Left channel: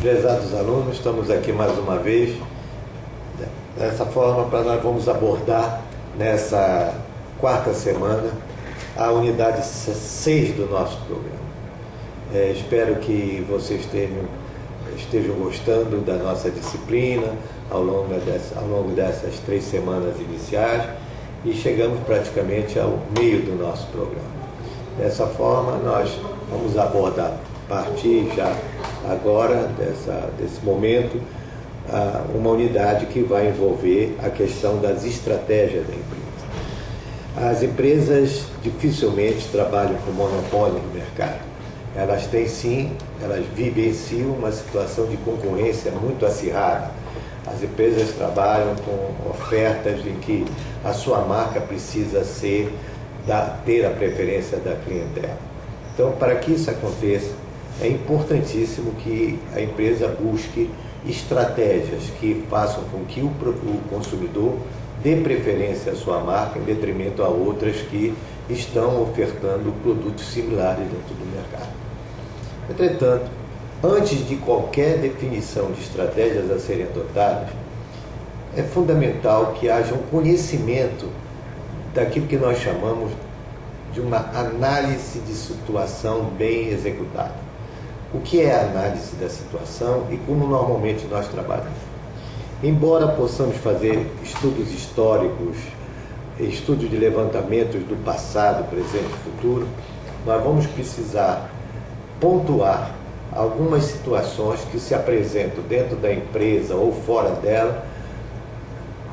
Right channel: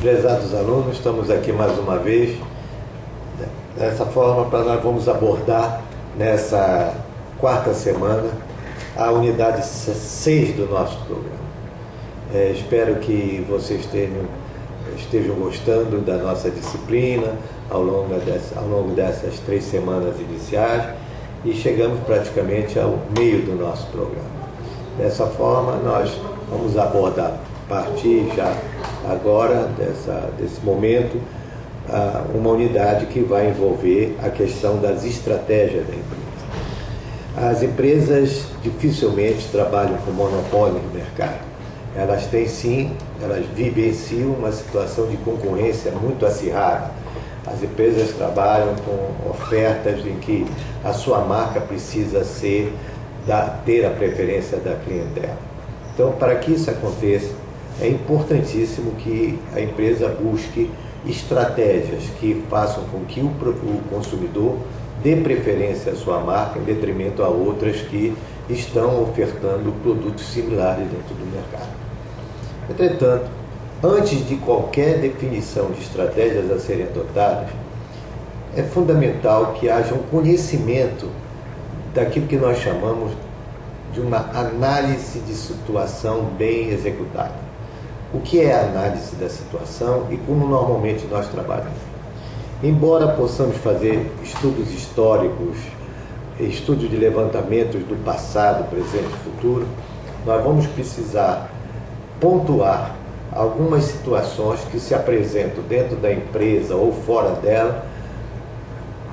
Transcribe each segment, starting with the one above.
Prezados alunos, estamos aqui mais uma vez. Dessa forma, nós vamos abordar nessa quarta semana a unidade 6 do nosso programa. Espero que vocês estejam gostando da nossa disciplina ao longo dessas 3 semanas iniciais e chegamos praticamente ao meio do nosso programa. Dessa forma, nós vamos abordar a partir já agora desse momento uma unidade que vai envolver a questão das estratégias da empresa. As empresas dificilmente trabalham com monopólio no mercado. Elas têm sim, elas vivenciam uma situação de concorrência muito acirrada. As empresas trabalham com ofertas em que a sua marca precisa ter a preferência da clientela. Então, para que isso aconteça, é importantíssimo que a empresa busque estratégias que façam com que o consumidor dê preferência à sua marca em detrimento a outras que estão ofertando produtos similares dentro do mercado. Entretanto, antes de qualquer definição de estratégias a serem adotadas, é fundamental que haja um conhecimento daquilo que nós chamamos de uma análise de situação bem executada. O que é a análise da situação e como normalmente nós trabalhamos? Embora possamos fazer estudos históricos, estudos de levantamentos do passado, presente e futuro, nós vamos precisar pontuar algumas situações que se apresentam dentro da empresa ou fora dela,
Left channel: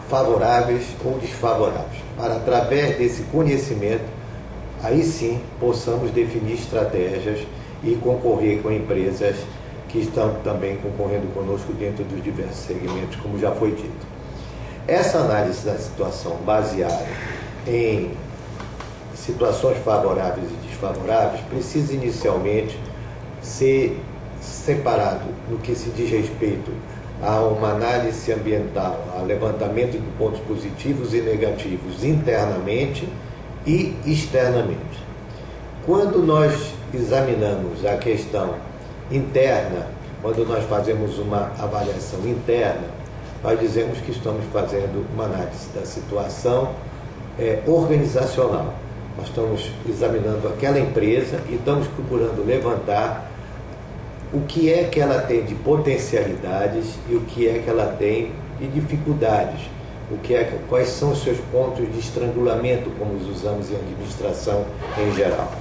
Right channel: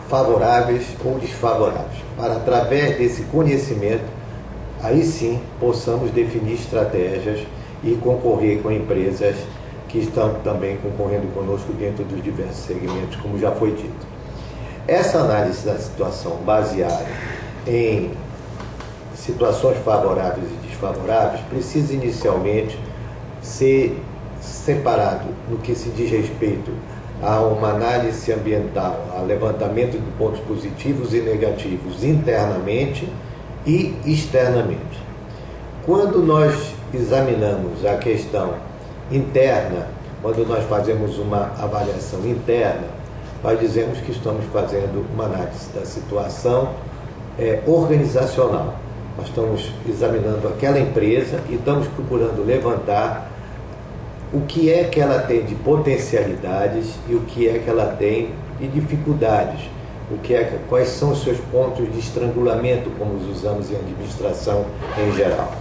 favoráveis ou desfavoráveis, para através desse conhecimento, aí sim possamos definir estratégias e concorrer com empresas que estão também concorrendo conosco dentro dos diversos segmentos, como já foi dito. Essa análise da situação baseada em situações favoráveis e desfavoráveis precisa inicialmente ser separado no que se diz respeito a uma análise ambiental, a levantamento de pontos positivos e negativos internamente e externamente. Quando nós examinamos a questão interna, quando nós fazemos uma avaliação interna, nós dizemos que estamos fazendo uma análise da situação organizacional. Nós estamos examinando aquela empresa e estamos procurando levantar o que é que ela tem de potencialidades e o que é que ela tem de dificuldades, quais são os seus pontos de estrangulamento, como os usamos em administração em geral.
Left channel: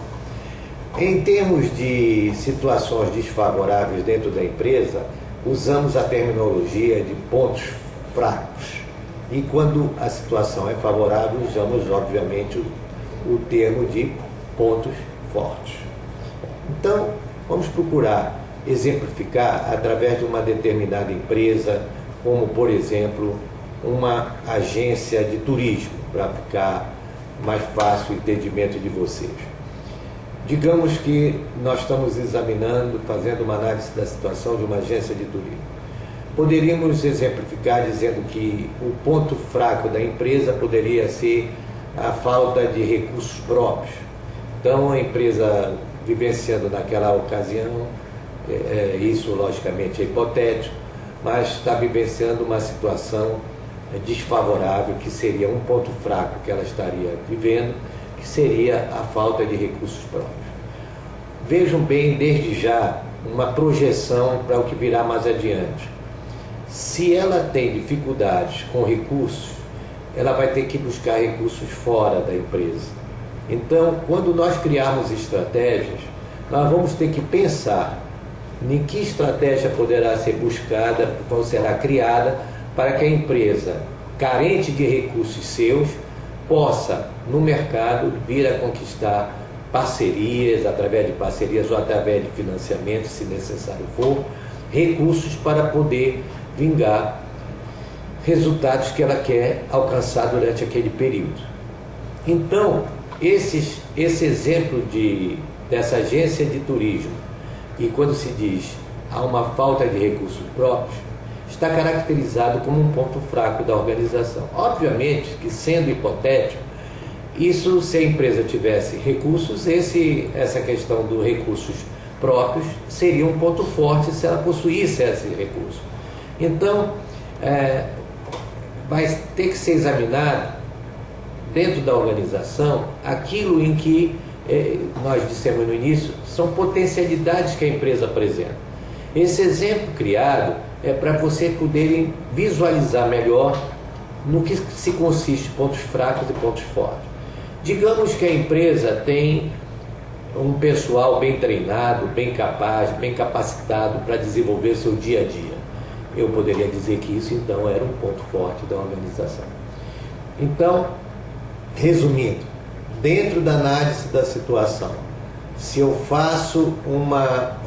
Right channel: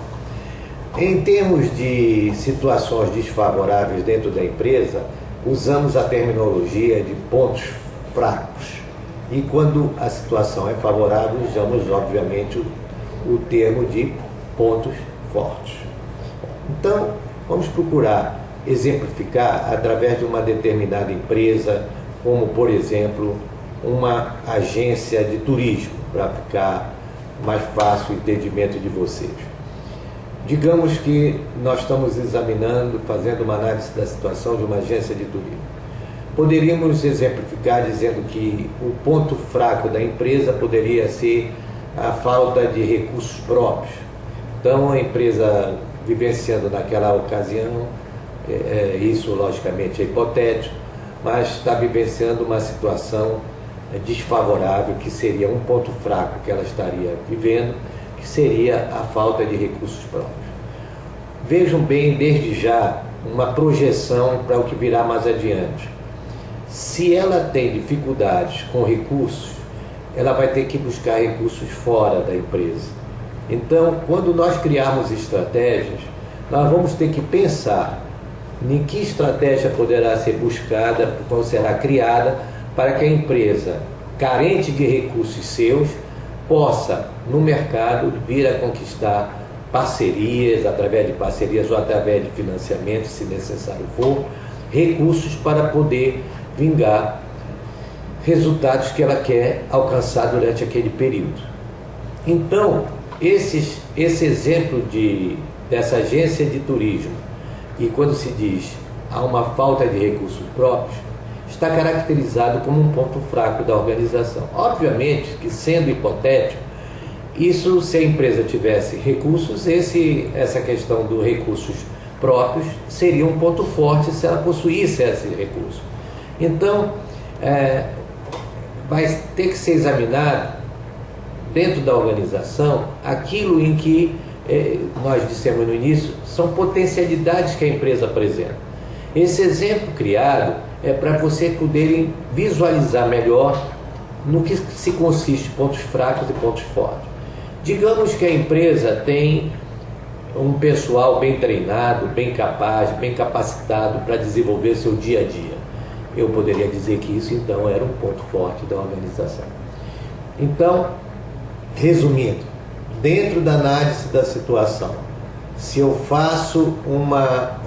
Em termos de situações desfavoráveis dentro da empresa, usamos a terminologia de pontos fracos. E quando a situação é favorável, usamos, obviamente, o termo de pontos fortes. Então, vamos procurar exemplificar através de uma determinada empresa, como, por exemplo, uma agência de turismo, para ficar mais fácil o entendimento de vocês. Digamos que nós estamos examinando, fazendo uma análise da situação de uma agência de turismo. Poderíamos exemplificar dizendo que o ponto fraco da empresa poderia ser a falta de recursos próprios. Então, a empresa vivenciando naquela ocasião, isso logicamente é hipotético, mas está vivenciando uma situação desfavorável, que seria um ponto fraco que ela estaria vivendo, que seria a falta de recursos próprios. Vejam bem, desde já, uma projeção para o que virá mais adiante. Se ela tem dificuldades com recursos, ela vai ter que buscar recursos fora da empresa. Então, quando nós criarmos estratégias, nós vamos ter que pensar em que estratégia poderá ser buscada, qual será criada, para que a empresa, carente de recursos seus, possa, no mercado, vir a conquistar parcerias, através de parcerias ou através de financiamento, se necessário for, recursos para poder vingar resultados que ela quer alcançar durante aquele período. Então, esse exemplo dessa agência de turismo, e quando se diz há uma falta de recursos próprios, está caracterizado como um ponto fraco da organização. Obviamente que, sendo hipotético, isso, se a empresa tivesse recursos, essa questão dos recursos próprios seria um ponto forte se ela possuísse esse recurso. Então, vai ter que ser examinado dentro da organização aquilo em que nós dissemos no início, são potencialidades que a empresa apresenta. Esse exemplo criado é para você poderem visualizar melhor no que se consiste pontos fracos e pontos fortes. Digamos que a empresa tem um pessoal bem treinado, bem capaz, bem capacitado para desenvolver seu dia a dia. Eu poderia dizer que isso, então, era um ponto forte da organização. Então, resumindo, dentro da análise da situação, se eu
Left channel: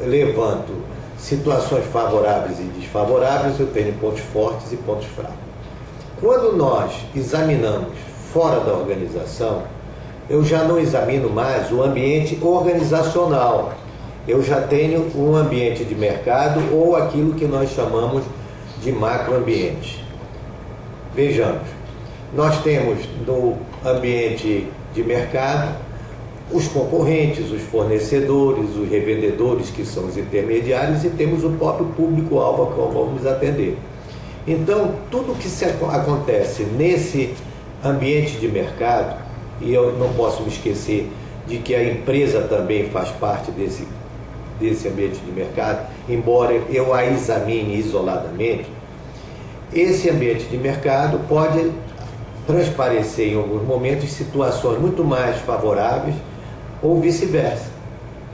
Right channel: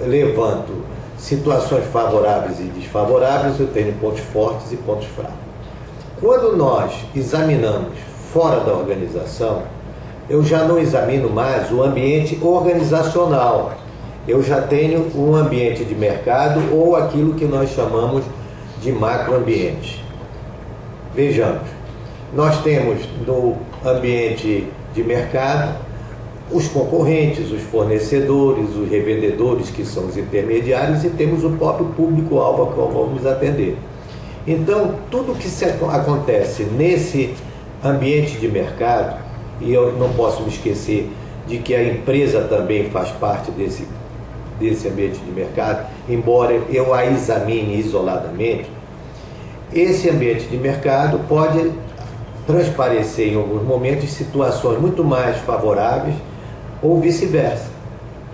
levanto situações favoráveis e desfavoráveis, eu tenho pontos fortes e pontos fracos. Quando nós examinamos fora da organização, eu já não examino mais o ambiente organizacional. Eu já tenho um ambiente de mercado ou aquilo que nós chamamos de macroambiente. Vejamos, nós temos no ambiente de mercado os concorrentes, os fornecedores, os revendedores, que são os intermediários, e temos o próprio público-alvo ao qual vamos atender. Então, tudo que acontece nesse ambiente de mercado, e eu não posso me esquecer de que a empresa também faz parte desse ambiente de mercado, embora eu a examine isoladamente, esse ambiente de mercado pode transparecer em alguns momentos situações muito mais favoráveis ou vice-versa,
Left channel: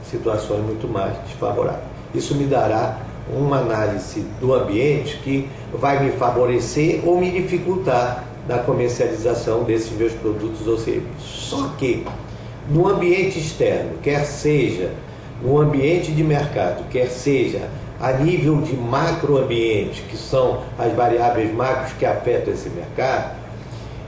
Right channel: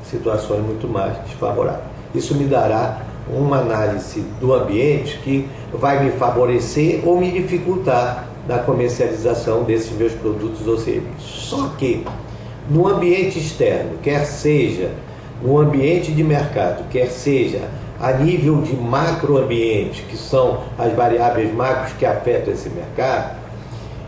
situações muito mais desfavoráveis. Isso me dará uma análise do ambiente que vai me favorecer ou me dificultar na comercialização desses meus produtos ou serviços. Só que no ambiente externo, quer seja no ambiente de mercado, quer seja a nível de macroambiente, que são as variáveis macros que afetam esse mercado,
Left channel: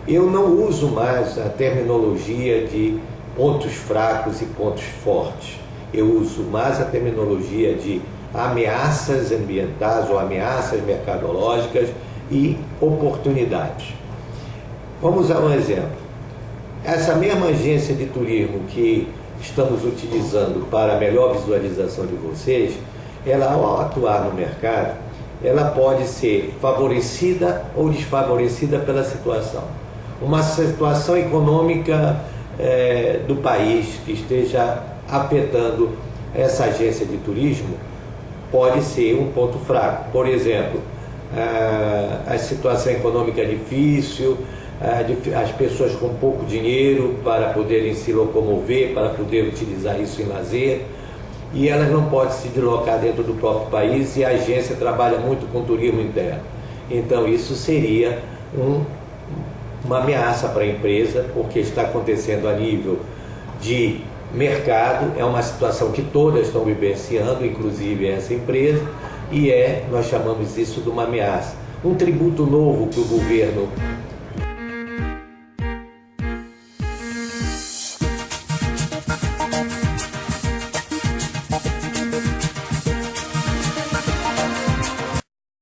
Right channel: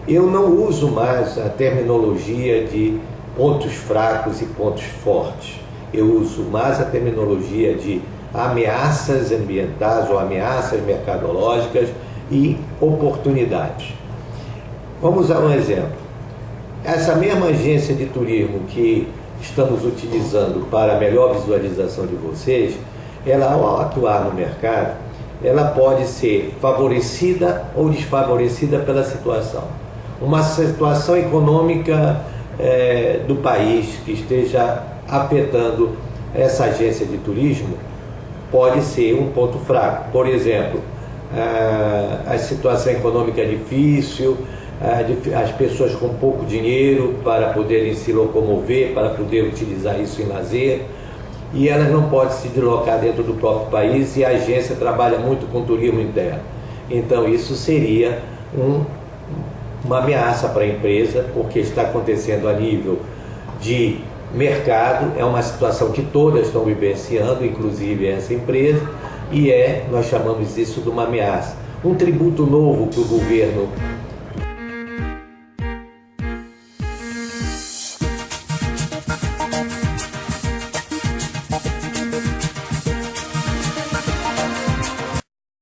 eu não uso mais a terminologia de pontos fracos e pontos fortes. Eu uso mais a terminologia de ameaças ambientais ou ameaças mercadológicas e oportunidades. Vamos a um exemplo. Essa mesma agência de turismo que estamos utilizando para a melhor visualização de vocês, ela, ao atuar no mercado, ela pode ser favorecida ou desfavorecida pela situação. Uma situação econômica do país que esteja afetando essa agência de turismo pode ser um ponto fraco. Por exemplo, a situação econômica é difícil, as pessoas com pouco dinheiro para poderem se locomover, para poder utilizar isso em lazer, e elas não podem se deslocar dentro do próprio país, e a agência trabalha muito com turismo interno. Então isso seria uma ameaça para a empresa, porque está acontecendo a nível de mercado, é uma situação que todas estão vivenciando, inclusive essa empresa, e nós chamamos isso de uma ameaça. Um tributo novo que o governo